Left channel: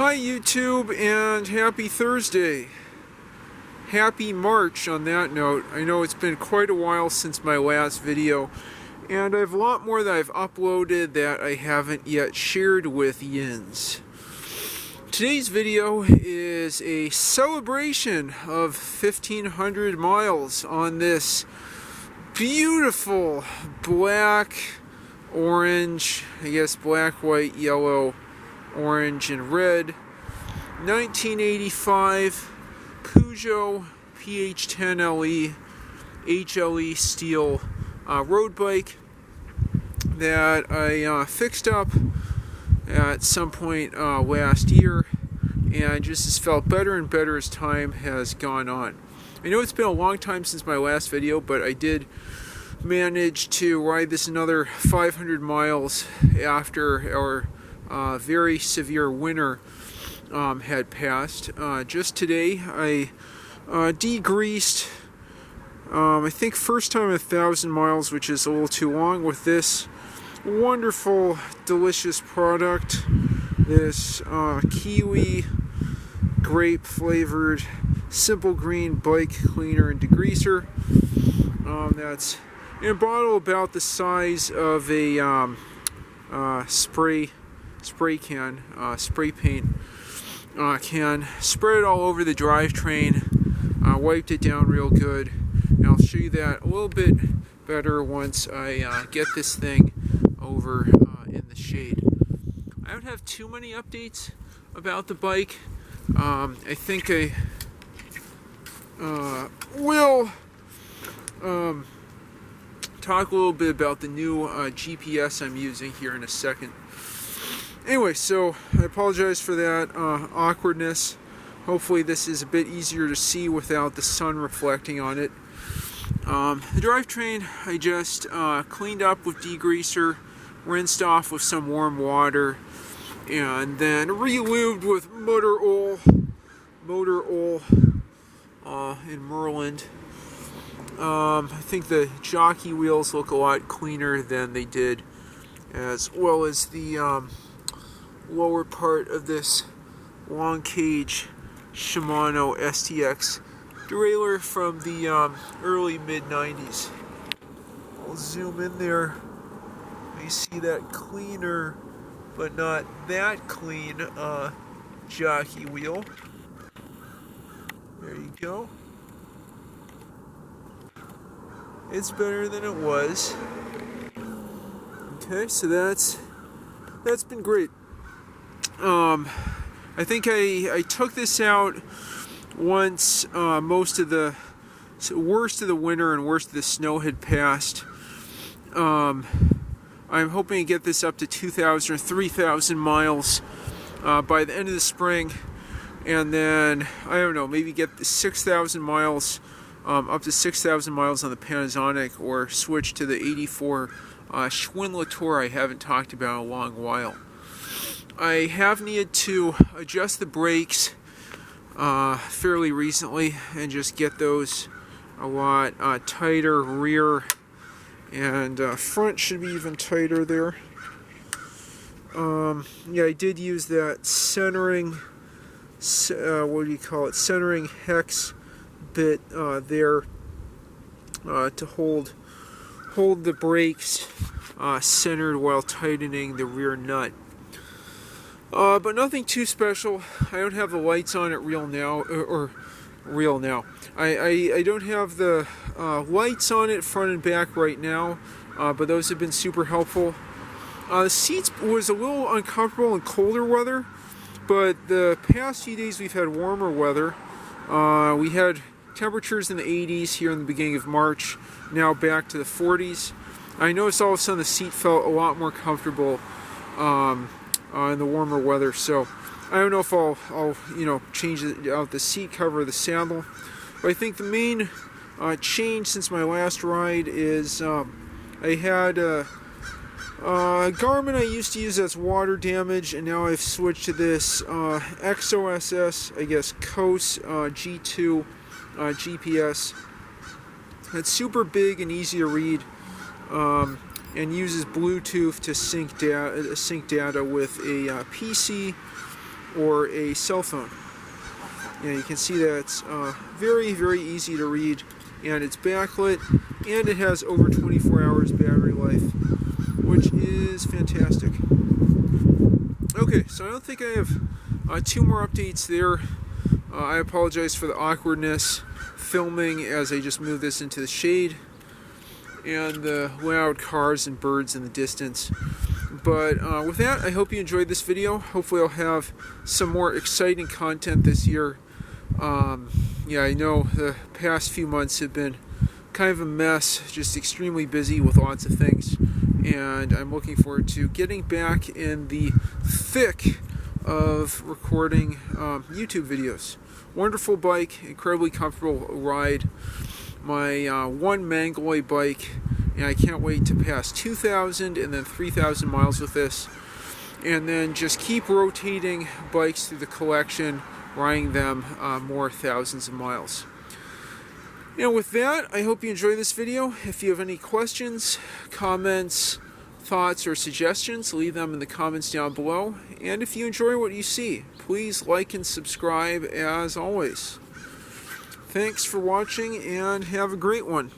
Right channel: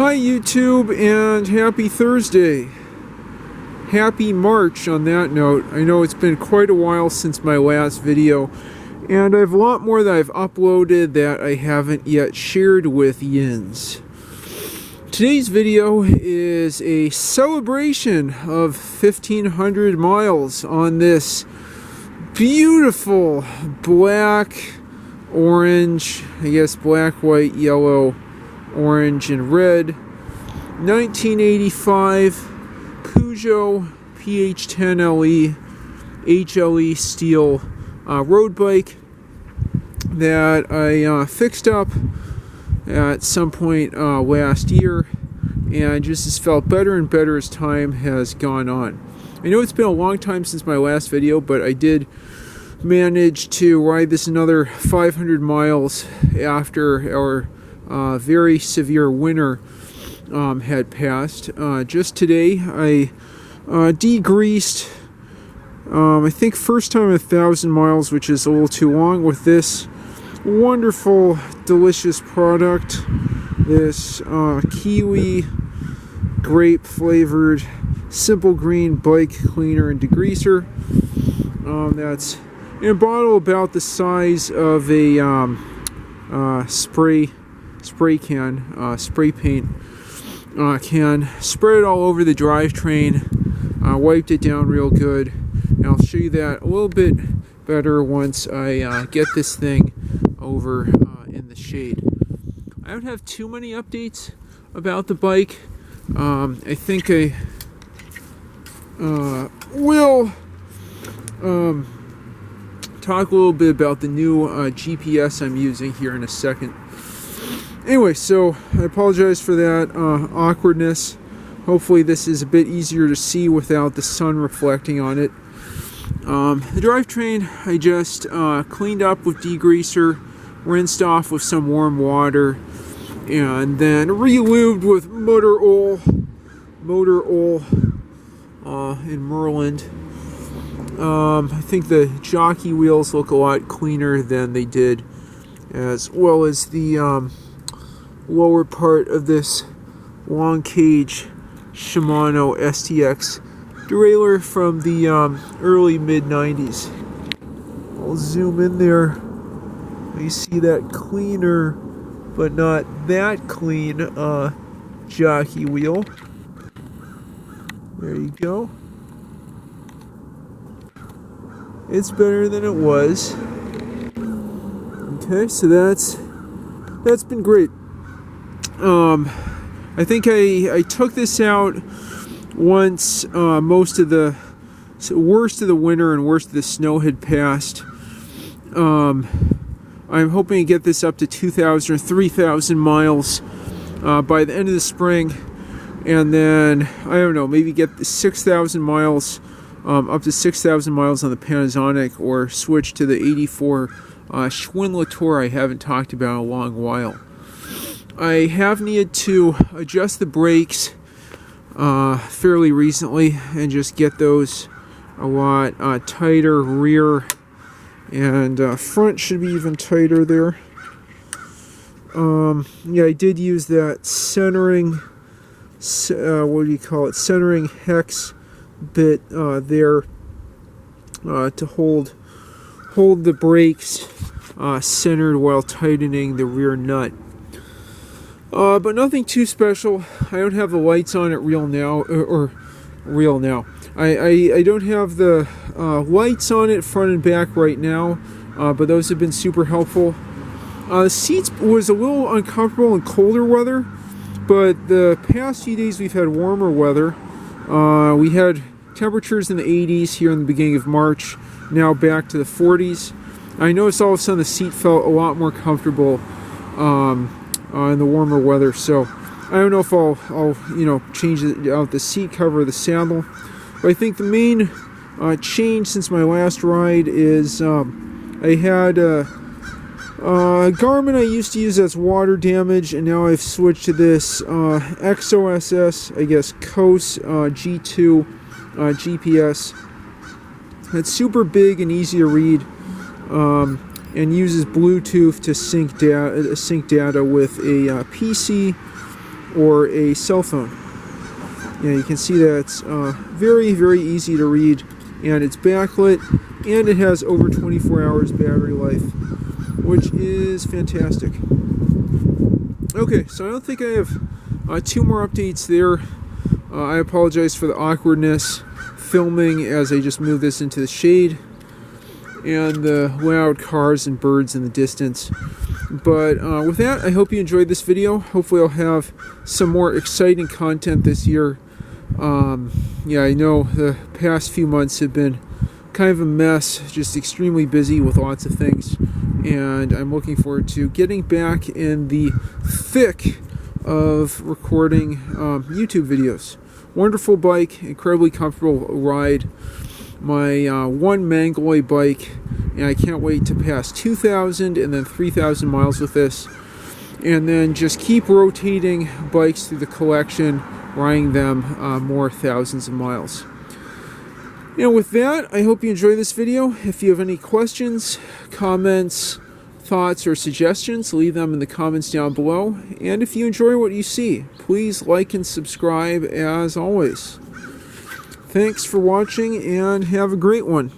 Hi YouTube, and happy Thursday. Happy March on that note. I know it's been quite a while since my last video, and I have a lot more that I've uploaded that I haven't yet shared with yins. Today's video is a celebration of 1,500 miles on this beautiful black, orange, I guess black, white, yellow, orange and red 1985 Peugeot PH10LE HLE steel road bike that I fixed up at some point last year, and just has felt better and better as time has gone on. I know it's been a long time since my last video, but I did manage to ride this another 500 miles after our very severe winter had passed. Just today I degreased, I think first time 1,000 miles, which is a little too long, with this wonderful delicious product, this kiwi grape flavored simple green bike cleaner and degreaser. That's in a bottle about the size of a spray can, spray paint can. Spread it all over the drivetrain, wiped it down real good, and I'll show you that a little bit better once I get this thing over in the shade. I don't have too many updates about the bike. I think I will talk a little bit about the new GPS I'm using here in a second. Anyway, so I apologize for that awkwardness. Hopefully this is a bit easier to see without the sun reflecting on it. The drivetrain I just cleaned up with degreaser, rinsed off with some warm water, and then re-lubed with motor oil in Merland. I think the jockey wheels look a lot cleaner than they did, as well as the lower part of this long cage Shimano STX derailleur from the early mid-90s. I'll zoom in there. You see that cleaner but not that clean jockey wheel. There you go. It's better than it was. Okay, so that's been great. I think I took this out once most of the worst of the winter and worst of the snow had passed. I'm hoping to get this up to 2,000 or 3,000 miles by the end of the spring, and then I don't know, maybe get the 6,000 miles, up to 6,000 miles on the Panasonic, or switch to the 84 Schwinn Tour I haven't talked about in a long while. I have needed to adjust the brakes fairly recently and just get those a lot tighter. Rear and front should be even tighter there. Yeah, I did use that centering, what do you call it, centering hex bit there to hold the brakes centered while tightening the rear nut. But nothing too special. I don't have the lights on it real now. I don't have the lights on it front and back right now, but those have been super helpful. The seats was a little uncomfortable in colder weather, but the past few days we've had warmer weather. We had temperatures in the 80s here in the beginning of March, now back to the 40s. I noticed all of a sudden the seat felt a lot more comfortable in the warmer weather, so I don't know if I'll change out the seat cover of the saddle. But I think the main change since my last ride is I had Garmin I used to use that's water damage, and now I've switched to this XOSS, I guess, XOSS G2 GPS. It's super big and easy to read, and uses Bluetooth to sync data with a PC or a cell phone. Yeah, you can see that it's very, very easy to read, and it's backlit, and it has over 24 hours battery life, which is fantastic. Okay, so I don't think I have two more updates there. I apologize for the awkwardness filming as I just moved this into the shade and the loud cars and birds in the distance. But with that, I hope you enjoyed this video. Hopefully I'll have some more exciting content this year. Yeah, I know the past few months have been kind of a mess, just extremely busy with lots of things. And I'm looking forward to getting back in the thick of recording YouTube videos. Wonderful bike, incredibly comfortable ride. My one mangalloy bike, and I can't wait to pass 2,000 and then 3,000 miles with this. And then just keep rotating bikes through the collection, riding them more thousands of miles. And with that, I hope you enjoy this video. If you have any questions, comments, thoughts, or suggestions, leave them in the comments down below. And if you enjoy what you see, please like and subscribe as always. Thanks for watching and have a great one.